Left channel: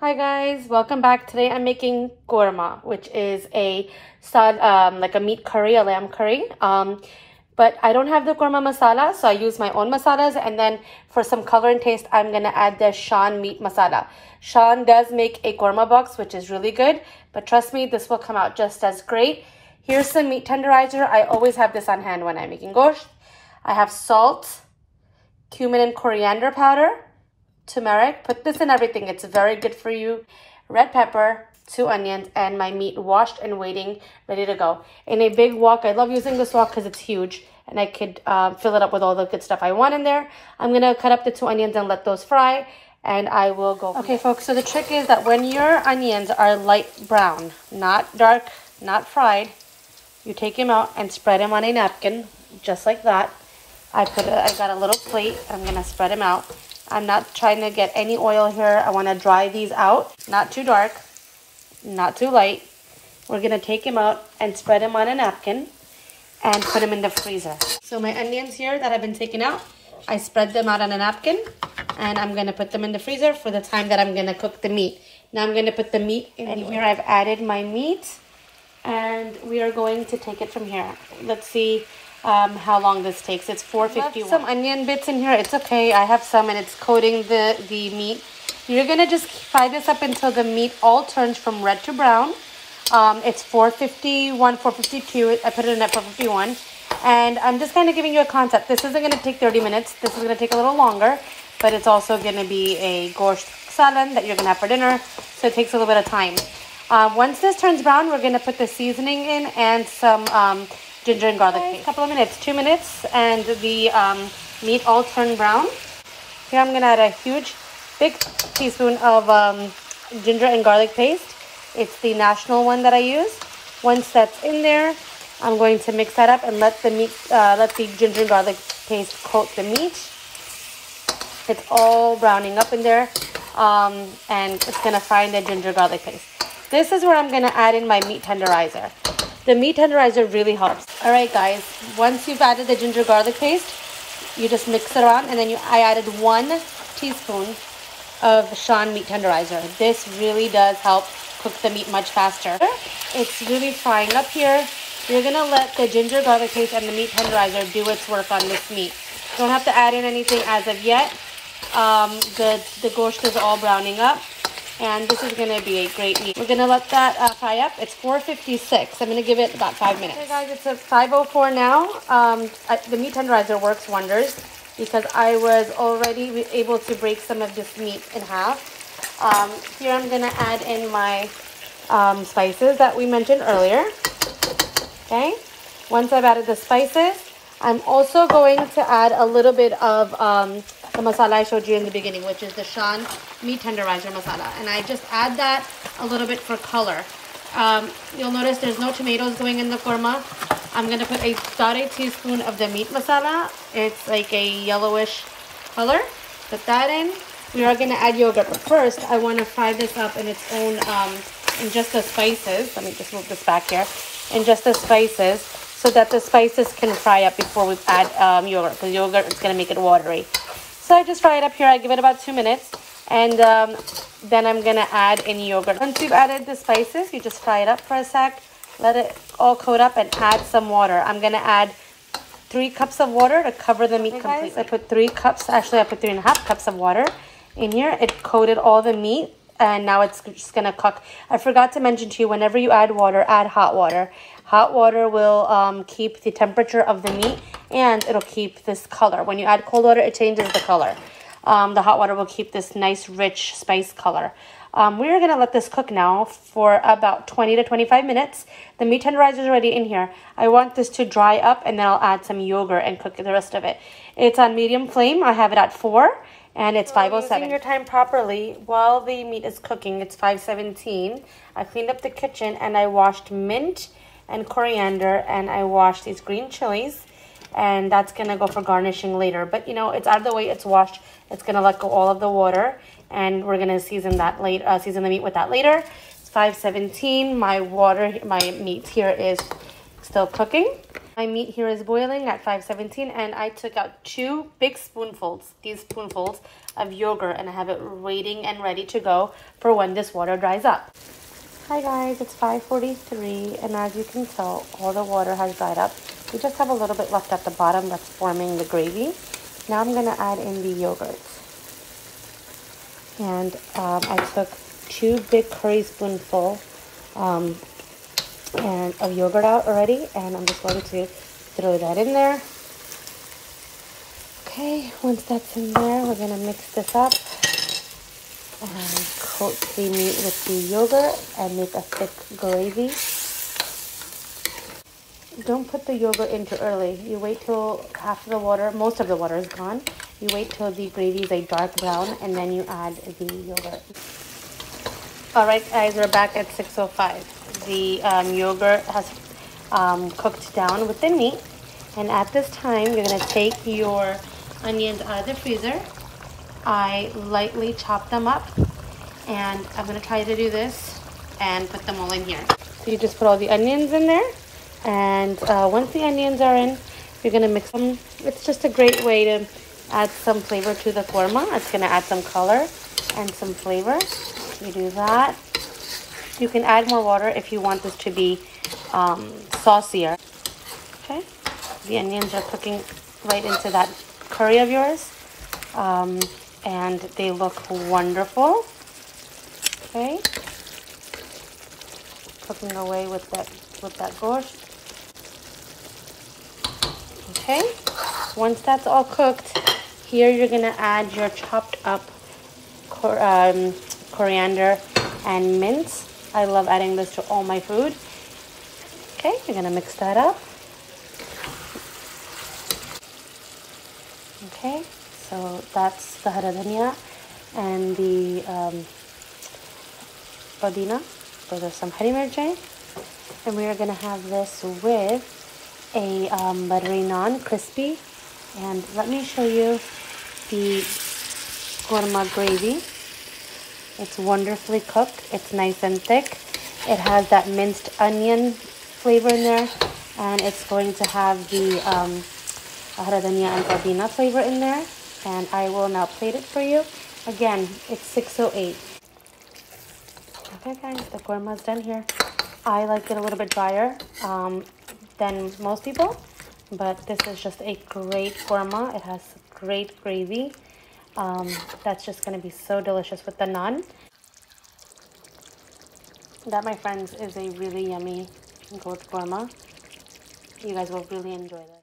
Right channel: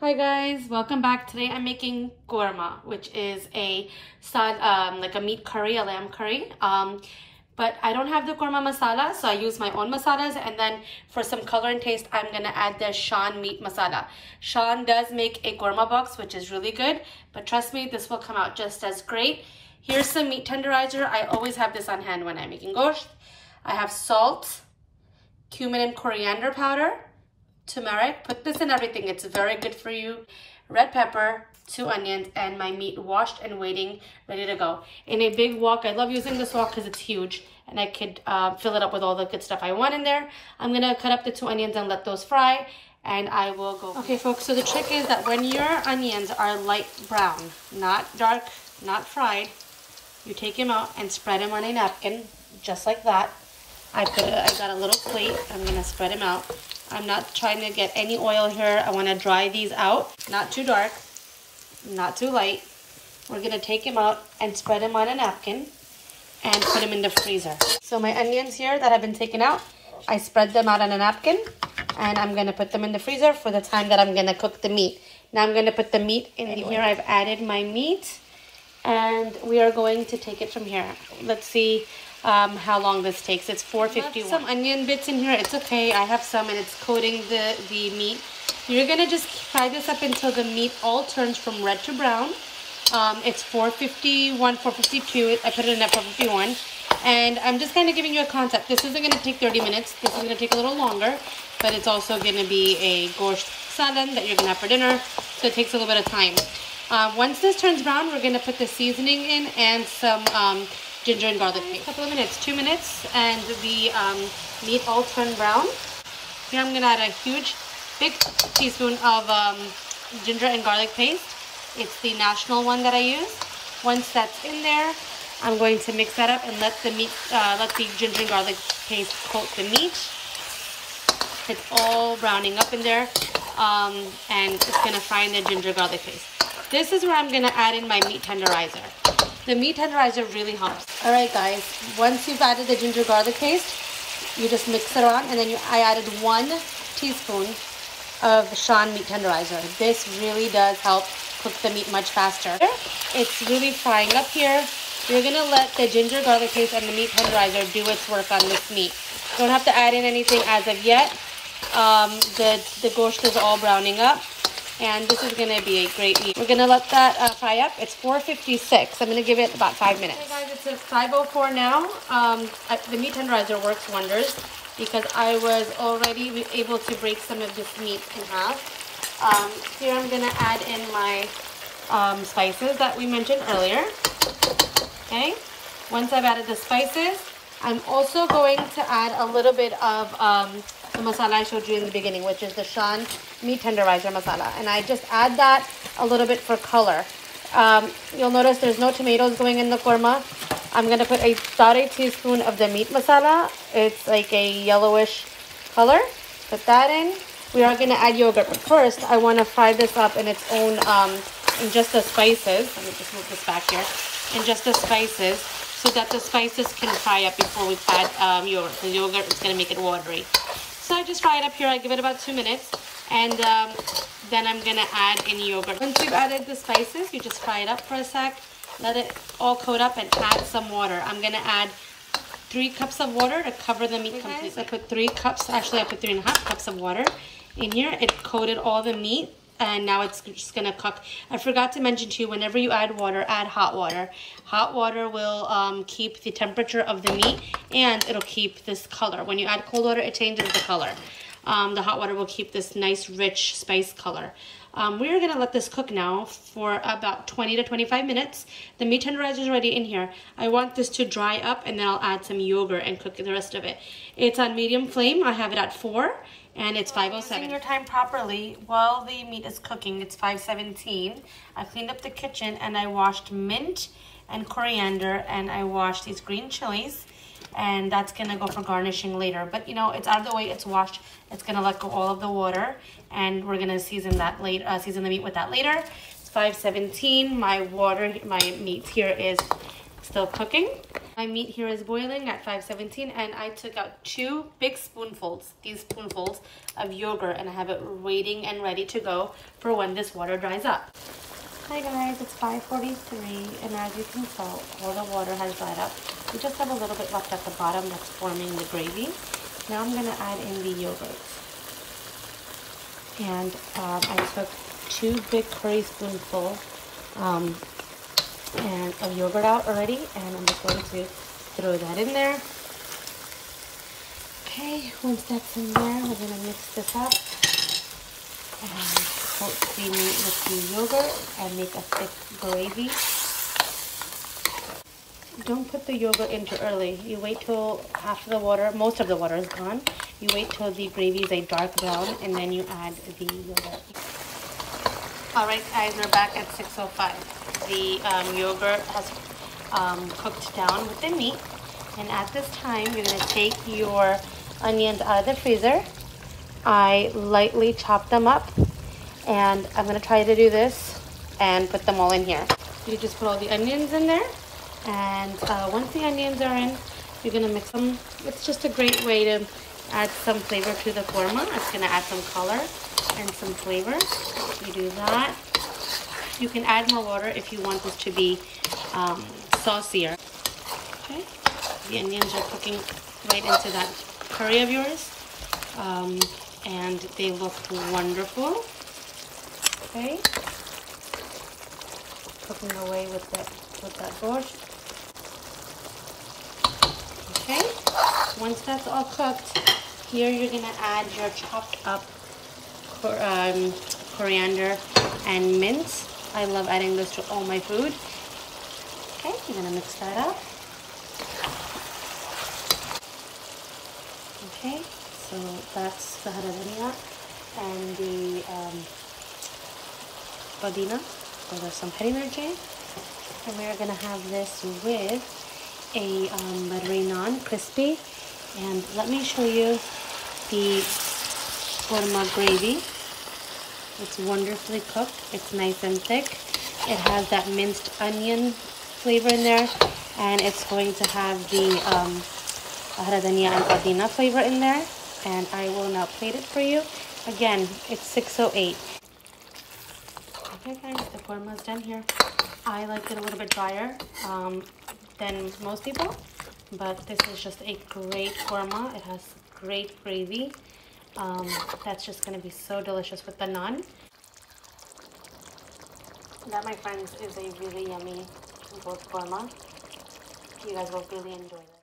Hi guys, welcome back. Today I'm making korma, which is a like a meat curry, a lamb curry. But I don't have the korma masala, so I use my own masalas. And then for some color and taste, I'm gonna add the Shan meat masala. Shan does make a korma box, which is really good, but trust me, this will come out just as great. Here's some meat tenderizer. I always have this on hand when I'm making gosht. I have salt, cumin and coriander powder, turmeric. Put this in everything. It's very good for you. Red pepper, 2 onions, and my meat washed and waiting, ready to go. In a big wok, I love using this wok because it's huge and I could fill it up with all the good stuff I want in there. I'm gonna cut up the 2 onions and let those fry, and I will go. Okay folks, so the trick is that when your onions are light brown, not dark, not fried, you take them out and spread them on a napkin, just like that. I got a little plate. I'm gonna spread them out. I'm not trying to get any oil here. I want to dry these out. Not too dark, not too light. We're going to take them out and spread them on a napkin and put them in the freezer. So my onions here that have been taken out, I spread them out on a napkin and I'm going to put them in the freezer for the time that I'm going to cook the meat. Now I'm going to put the meat in here. I've added my meat and we are going to take it from here. Let's see how long this takes. It's 4:51. Some onion bits in here. It's okay. I have some and it's coating the meat. You're gonna just fry this up until the meat all turns from red to brown. It's 4:51, 4:52. I put it in at 4:51. And I'm just kind of giving you a concept. This isn't gonna take 30 minutes. This is gonna take a little longer, but it's also gonna be a gosht salad that you're gonna have for dinner. So it takes a little bit of time. Once this turns brown, we're gonna put the seasoning in and some ginger and garlic paste. A couple of minutes, 2 minutes, and the meat all turned brown. Here I'm gonna add a big teaspoon of ginger and garlic paste. It's the national one that I use. Once that's in there, I'm going to mix that up and let the ginger and garlic paste coat the meat. It's all browning up in there, and it's gonna fry in the ginger garlic paste. This is where I'm gonna add in my meat tenderizer. The meat tenderizer really helps. All right, guys, once you've added the ginger garlic paste, you just mix it around, and then I added 1 teaspoon of Shan meat tenderizer. This really does help cook the meat much faster. It's really frying up here. You're gonna let the ginger garlic paste and the meat tenderizer do its work on this meat. You don't have to add in anything as of yet. The gosht is all browning up. And this is going to be a great meat. We're going to let that fry up. It's 4:56. I'm going to give it about 5 minutes. Okay guys, it's at 5:04 now. The meat tenderizer works wonders because I was already able to break some of this meat in half. Here I'm going to add in my spices that we mentioned earlier. Okay. Once I've added the spices, I'm also going to add a little bit of the masala I showed you in the beginning, which is the Shan meat tenderizer masala. And I just add that a little bit for color. You'll notice there's no tomatoes going in the korma. I'm going to put about a teaspoon of the meat masala. It's like a yellowish color. Put that in. We are going to add yogurt. But first, I want to fry this up in its own, in just the spices. Let me just move this back here. In just the spices, so that the spices can fry up before we add yogurt. The yogurt is going to make it watery. So I just fry it up here. I give it about 2 minutes, and then I'm going to add in yogurt. Once you've added the spices, you just fry it up for a sec. Let it all coat up and add some water. I'm going to add 3 cups of water to cover the meat completely. I put 3 cups, actually I put 3.5 cups of water in here. It coated all the meat. And now it's just going to cook. I forgot to mention to you, whenever you add water, add hot water. Hot water will keep the temperature of the meat, and it'll keep this color. When you add cold water, it changes the color. The hot water will keep this nice, rich spice color. We're going to let this cook now for about 20 to 25 minutes. The meat tenderizer is already in here. I want this to dry up, and then I'll add some yogurt and cook the rest of it. It's on medium flame. I have it at 4. And it's 5:07. Using your time properly while the meat is cooking. It's 5:17. I cleaned up the kitchen and I washed mint and coriander, and I washed these green chilies, and that's gonna go for garnishing later. But you know, it's out of the way. It's washed. It's gonna let go all of the water, and we're gonna season that later. Season the meat with that later. It's 5:17. My meat here is still cooking. My meat here is boiling at 517, and I took out 2 big spoonfuls, these spoonfuls of yogurt, and I have it waiting and ready to go for when this water dries up. Hi guys, it's 5:43, and as you can tell, all the water has dried up. We just have a little bit left at the bottom that's forming the gravy. Now I'm gonna add in the yogurt. And I took 2 big curry spoonfuls and of yogurt out already, and I'm just going to throw that in there. Okay, once that's in there, we're gonna mix this up and coat the meat with the yogurt and make a thick gravy. Don't put the yogurt in too early. You wait till after the water, most of the water is gone. You wait till the gravy is a dark brown, and then you add the yogurt. Alright guys, we're back at 6:05. The yogurt has cooked down with the meat. And at this time, you're going to take your onions out of the freezer. I lightly chop them up. And I'm going to try to do this and put them all in here. You just put all the onions in there. And once the onions are in, you're going to mix them. It's just a great way to add some flavor to the korma. It's going to add some color and some flavor. You do that. You can add more water if you want this to be saucier. Okay, the onions are cooking right into that curry of yours, and they look wonderful. Okay, cooking away with that borscht. Okay, once that's all cooked, here you're gonna add your chopped up coriander and mint. I love adding this to all my food. Okay, you're gonna mix that up. Okay, so that's the haradania and the badina. Those are some hari mirchai. And we're gonna have this with a buttery naan, crispy. And let me show you the korma gravy. It's wonderfully cooked. It's nice and thick. It has that minced onion flavor in there, and it's going to have the haradania and padina flavor in there. And I will now plate it for you. Again, it's 6:08. Okay guys, the korma is done here. I like it a little bit drier than most people, but this is just a great korma. It has great gravy. That's just going to be so delicious with the naan. That, my friends, is a really yummy goat korma. You guys will really enjoy that.